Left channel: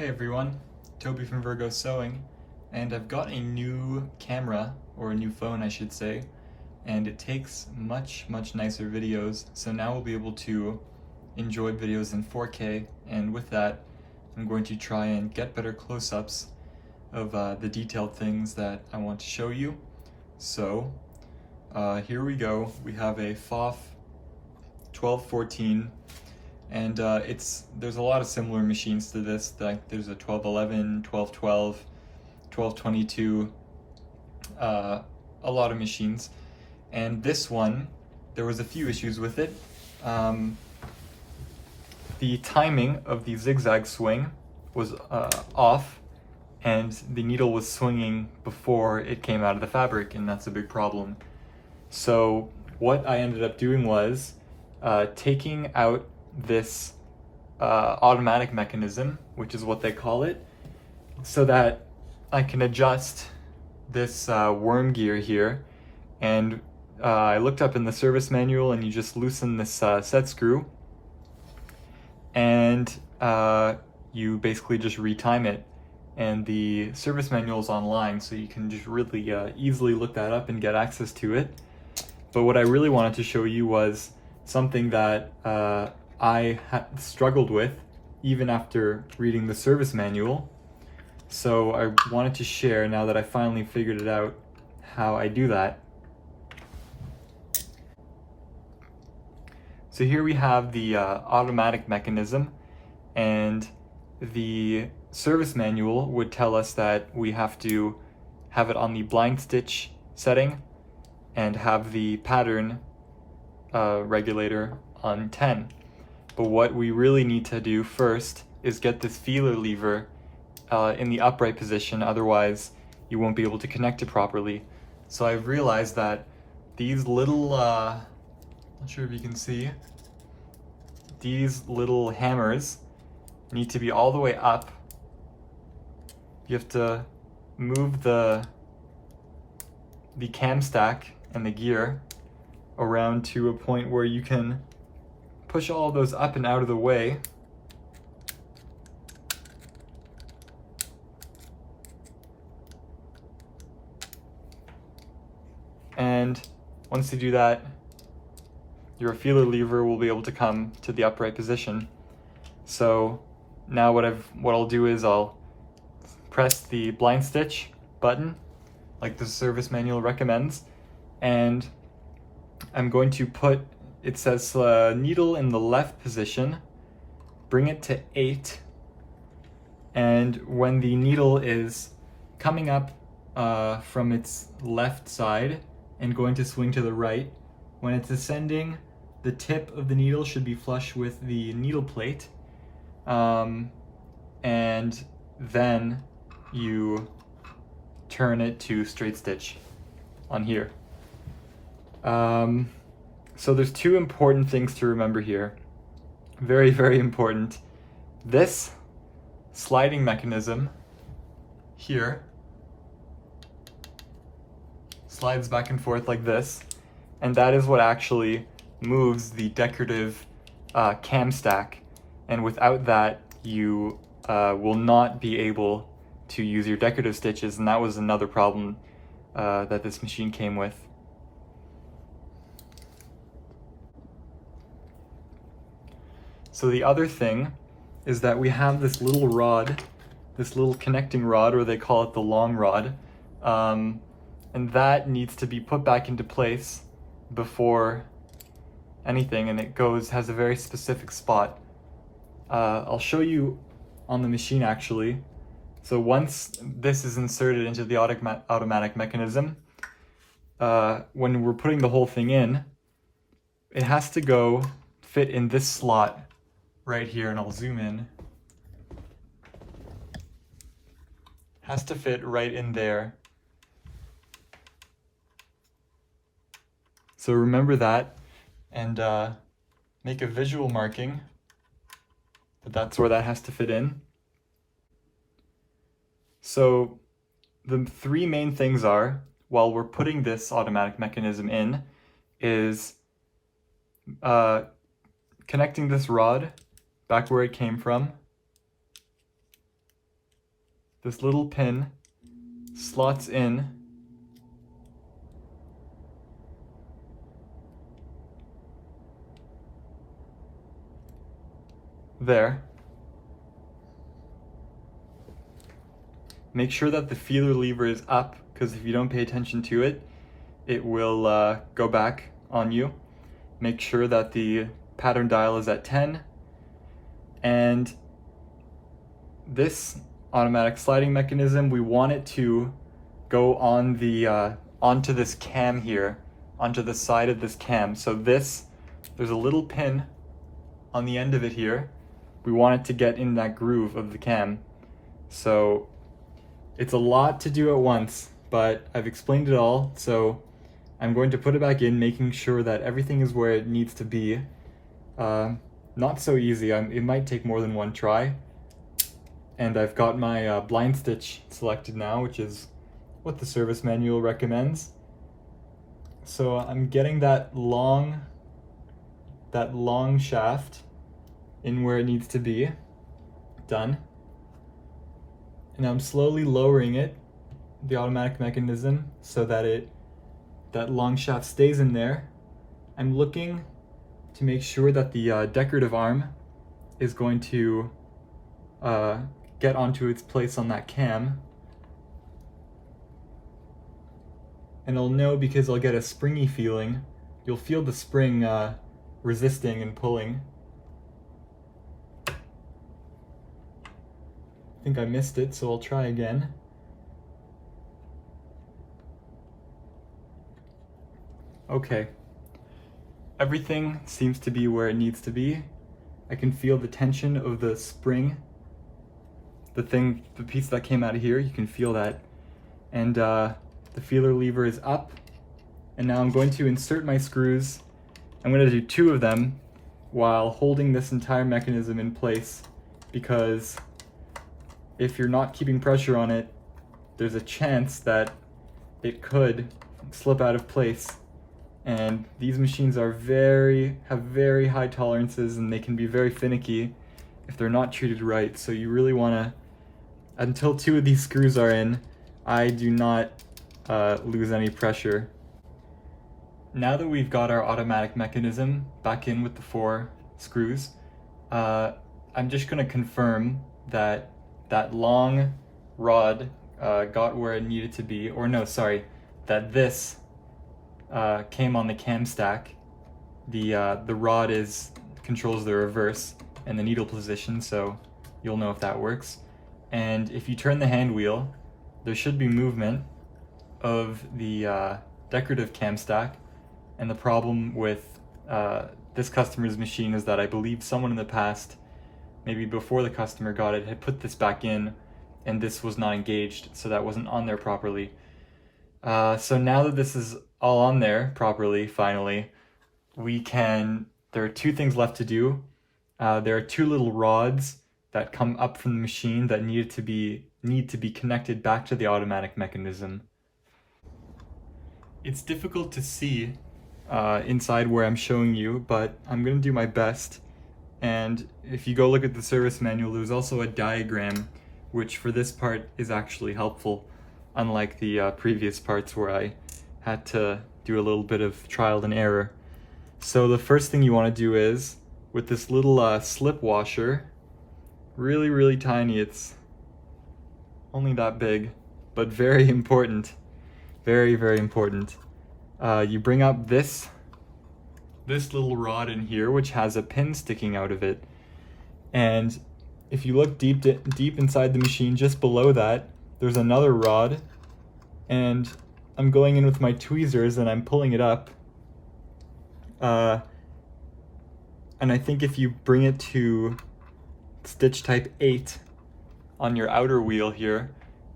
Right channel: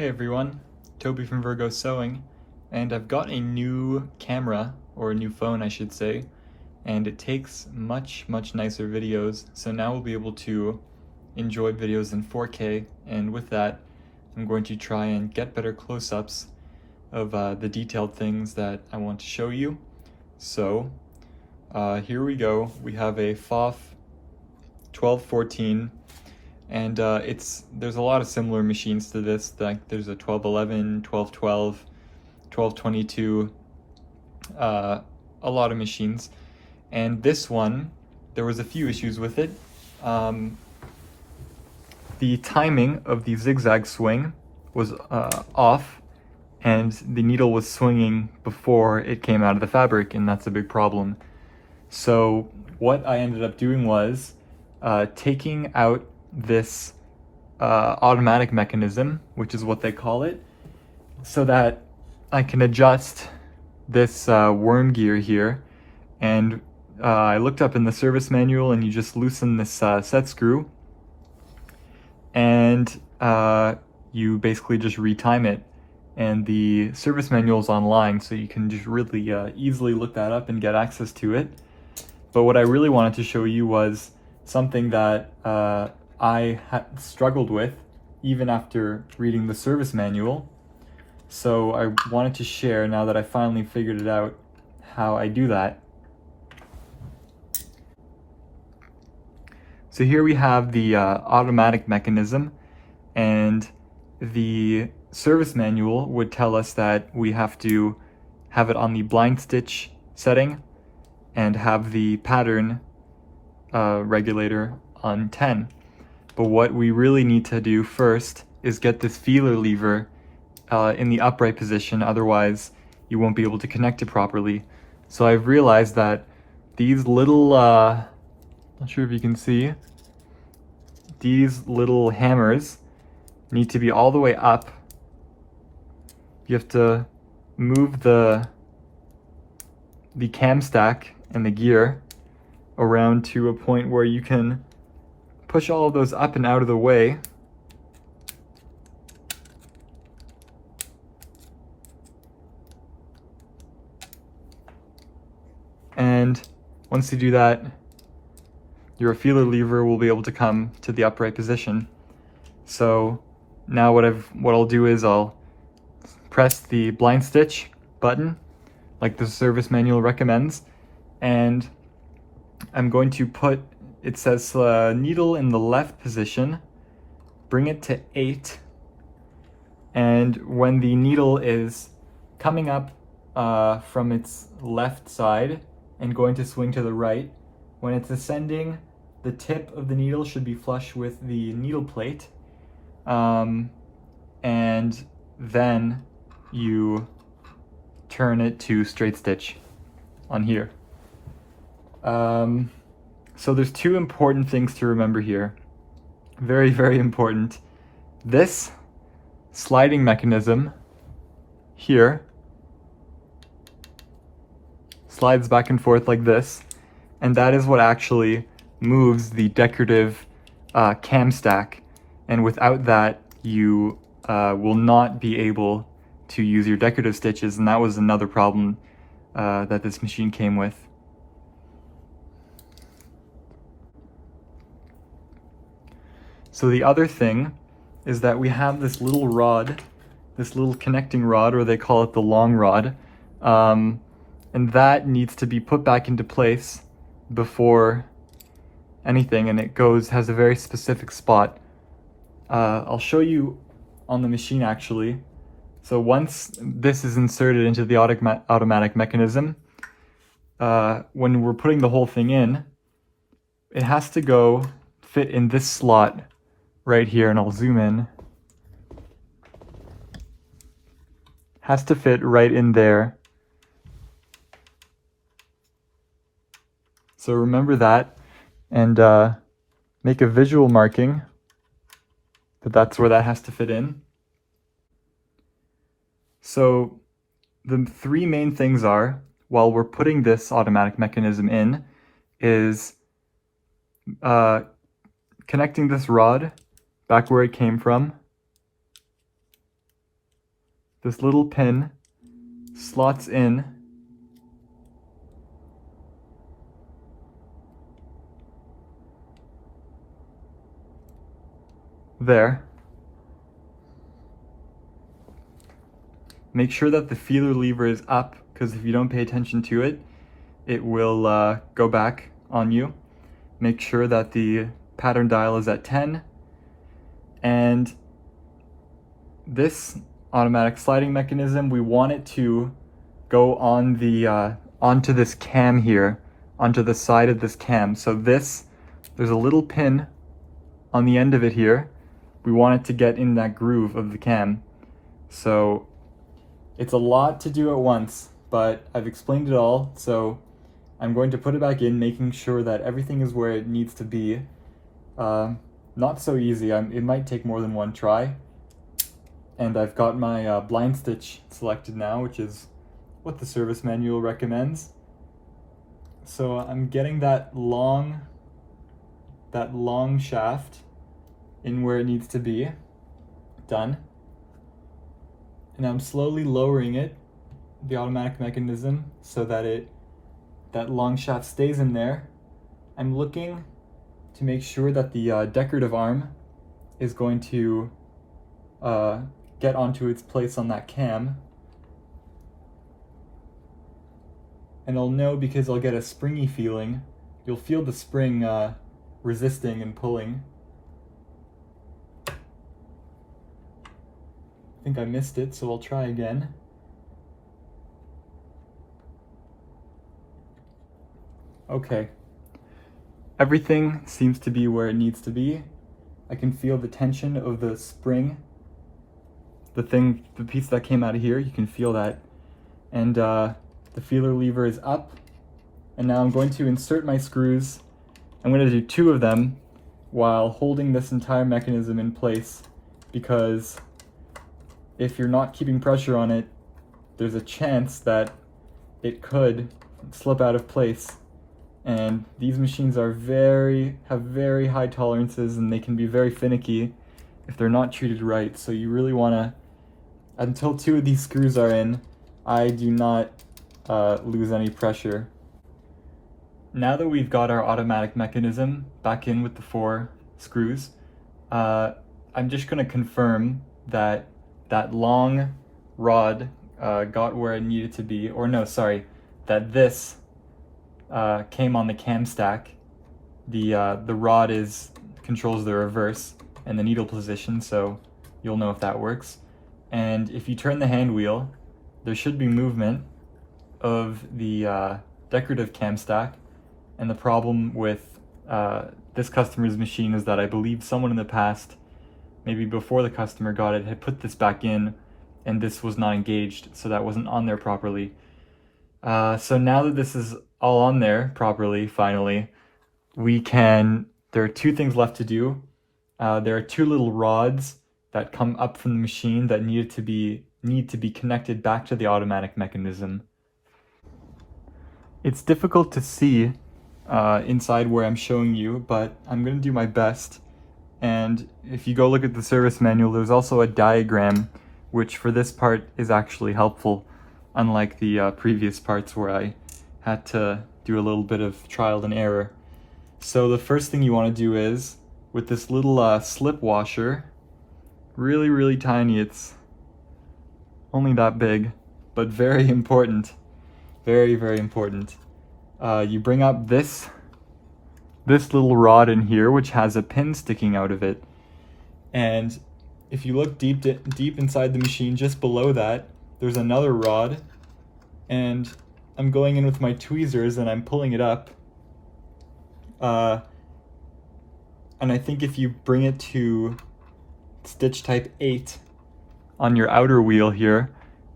Hey everyone, Toby from Virgo Sewing, and I've got a new camera, or a new phone I should say, and it takes much nicer videos, so now we'll be able to enjoy videos in 4K, and with that I'm going to try and get better close-ups of the detailed things that I want to show you. So here we go. We have a Pfaff 1214, and there's a lot of similar machines to this. Like there's a 1211, 1212, 1222, a lot of machines. And this one, there was a few issues with it. The timing of the zigzag swing was off, and the needle was swinging before it came out of the fabric, and that's a big problem. So what I ended up doing was taking out this automatic mechanism, which is what they call it, so that I can adjust this worm gear here. And I looked up in the service manual, and you just loosen this set screw, and you basically just retime it. And the service manual is online, so you can just really easily look that up and get access to it. But what I really wanted to show you was something that I struggled with even after reading the service manual. So I wanted to share, now that I finally figured it out, how I do that. So here we have the automatic mechanism, and the service manual would tell us that we have to have it on the blind stitch setting and have the pattern regulator on 10. But what we really need to do first is get this feeler lever in the upright position, otherwise you won't be able to connect it properly. So I've realized that these little, not sure if you can see, these little hammers need to be all the way up. You have to move the cam stack and the gear around to a point where you can push all of those up and out of the way. And once you do that, your feeler lever will be able to come to the upright position. So now what I'll do is I'll press the blind stitch button like the service manual recommends, and I'm going to put, it says needle in the left position, bring it to 8, and when the needle is coming up from its left side and going to swing to the right, when it's ascending, the tip of the needle should be flush with the needle plate, and then you turn it to straight stitch on here. So there's two important things to remember here. Very important. This sliding mechanism here slides back and forth like this, and that is what actually moves the decorative cam stack. And without that, you will not be able to use your decorative stitches, and that was another problem that this machine came with. So the other thing is that we have this little rod, this little connecting rod, or they call it the long rod, and that needs to be put back into place before anything, and it has a very specific spot. I'll show you on the machine actually. So once this is inserted into the automatic mechanism, when we're putting the whole thing in, it has to fit in this slot right here, and I'll zoom in. Has to fit right in there. So remember that, and make a visual marking that that's where that has to fit in. So the three main things are, while we're putting this automatic mechanism in, is connecting this rod back where it came from, this little pin slots in there. Make sure that the feeler lever is up, because if you don't pay attention to it, it will go back on you. Make sure that the pattern dial is at 10. And this automatic sliding mechanism, we want it to go on the onto this cam here, onto the side of this cam. So there's a little pin on the end of it here. We want it to get in that groove of the cam. So it's a lot to do at once, but I've explained it all. So I'm going to put it back in, making sure that everything is where it needs to be. Not so easy. It might take more than one try. And I've got my blind stitch selected now, which is what the service manual recommends. So I'm getting that long shaft in where it needs to be. Done. And I'm slowly lowering it, the automatic mechanism, so that that long shaft stays in there. I'm looking to make sure that the decorative arm is going to get onto its place on that cam. And I'll know because I'll get a springy feeling. You'll feel the spring resisting and pulling. I think I missed it, so I'll try again. Okay. Everything seems to be where it needs to be. I can feel the tension of the spring. The piece that came out of here, you can feel that. And the feeler lever is up. And now I'm going to insert my screws. I'm going to do 2 of them while holding this entire mechanism in place, because if you're not keeping pressure on it, there's a chance that it could slip out of place. And these machines have very high tolerances, and they can be very finicky if they're not treated right. So you really want to, until 2 of these screws are in, I do not lose any pressure. Now that we've got our automatic mechanism back in with the 4 screws, I'm just going to confirm that that long rod got where it needed to be, or no, sorry, that this came on the cam stack. The rod controls the reverse and the needle position, so you'll know if that works. And if you turn the hand wheel, there should be movement of the decorative cam stack. And the problem with this customer's machine is that I believe someone in the past, maybe before the customer got it, had put this back in, and this was not engaged, so that wasn't on there properly. So now that this is all on there properly, finally, there are 2 things left to do. There are 2 little rods that come up from the machine that need to be connected back to the automatic mechanism. It's difficult to see inside where I'm showing you, but I'm going to do my best. And if you go look at the service manual, there's also a diagram, which for this part is actually helpful, unlike the previous parts where I had to do a little bit of trial and error. So the first thing you want to do is, with this little slip washer, really tiny, it's only that big, but very important, very important. You bring up this little rod in here, which has a pin sticking out of it. And if you look deep inside the machine, just below that, there's another rod. And I'm going in with my tweezers and I'm pulling it up. And I think if you bring it to stitch type 8 on your outer wheel here,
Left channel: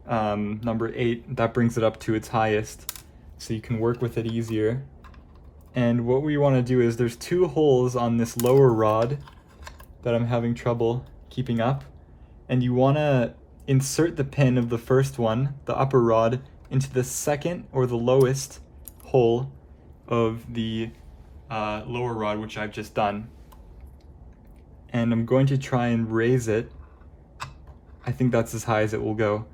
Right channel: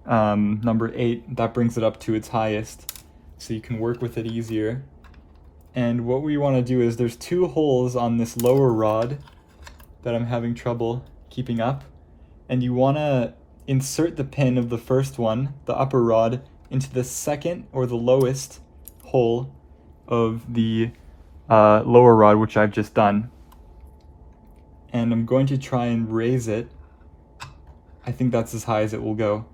number 8, that brings it up to its highest, so you can work with it easier. And what we want to do is, there's 2 holes on this lower rod that I'm having trouble keeping up, and you want to insert the pin of the first one, the upper rod, into the second or the lowest hole of the lower rod, which I've just done. And I'm going to try and raise it. I think that's as high as it will go.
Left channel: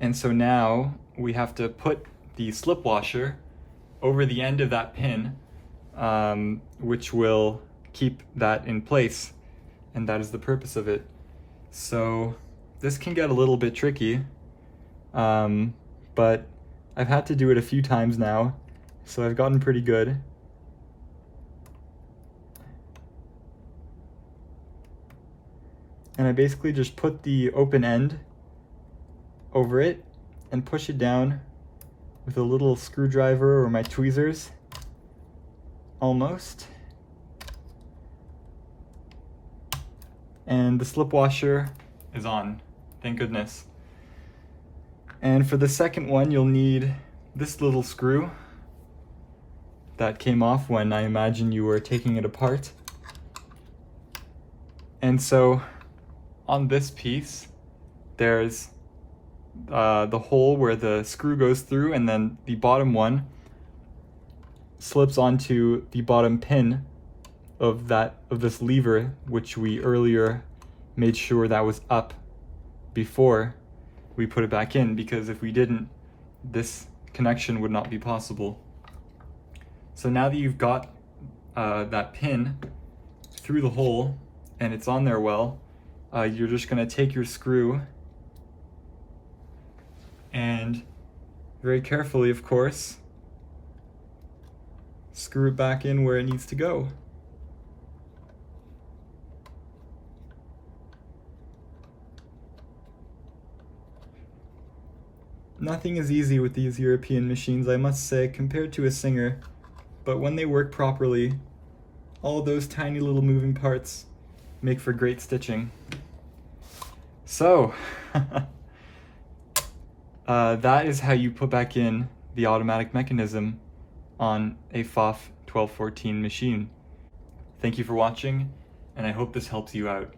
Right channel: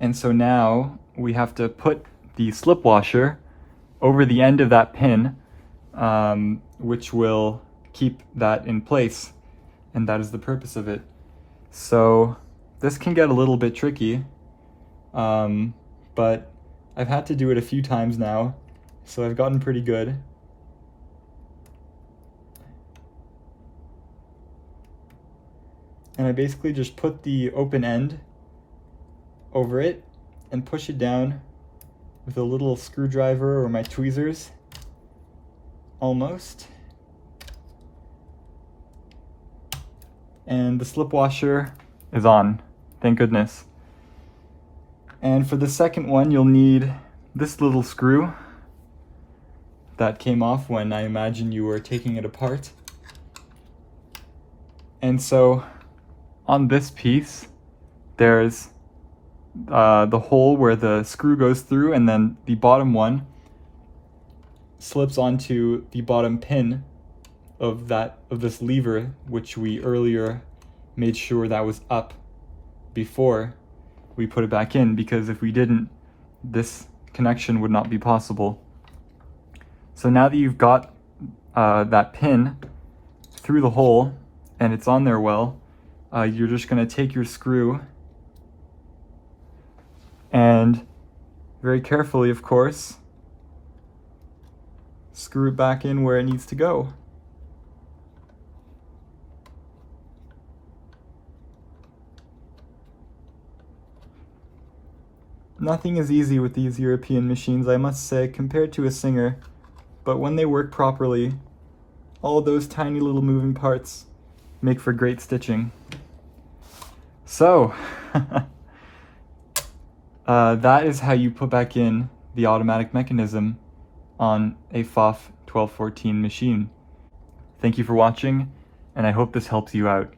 And so now we have to put the slip washer over the end of that pin, which will keep that in place. And that is the purpose of it. So this can get a little bit tricky, but I've had to do it a few times now, so I've gotten pretty good. And I basically just put the open end over it and push it down with a little screwdriver or my tweezers, almost. And the slip washer is on, thank goodness. And for the second one, you'll need this little screw that came off when I imagine you were taking it apart. And so on this piece, there's the hole where the screw goes through, and then the bottom one slips onto the bottom pin of this lever, which we earlier made sure that was up before we put it back in, because if we didn't, this connection would not be possible. So now that you've got that pin through the hole and it's on there well, you're just going to take your screw and very carefully, of course, screw it back in where it needs to go. Nothing is easy with these European machines, I must say, compared to a Singer, but when they work properly, all those tiny little moving parts make for great stitching. So, that is how you put back in the automatic mechanism on a Pfaff 1214 machine. Thank you for watching, and I hope this helps you out.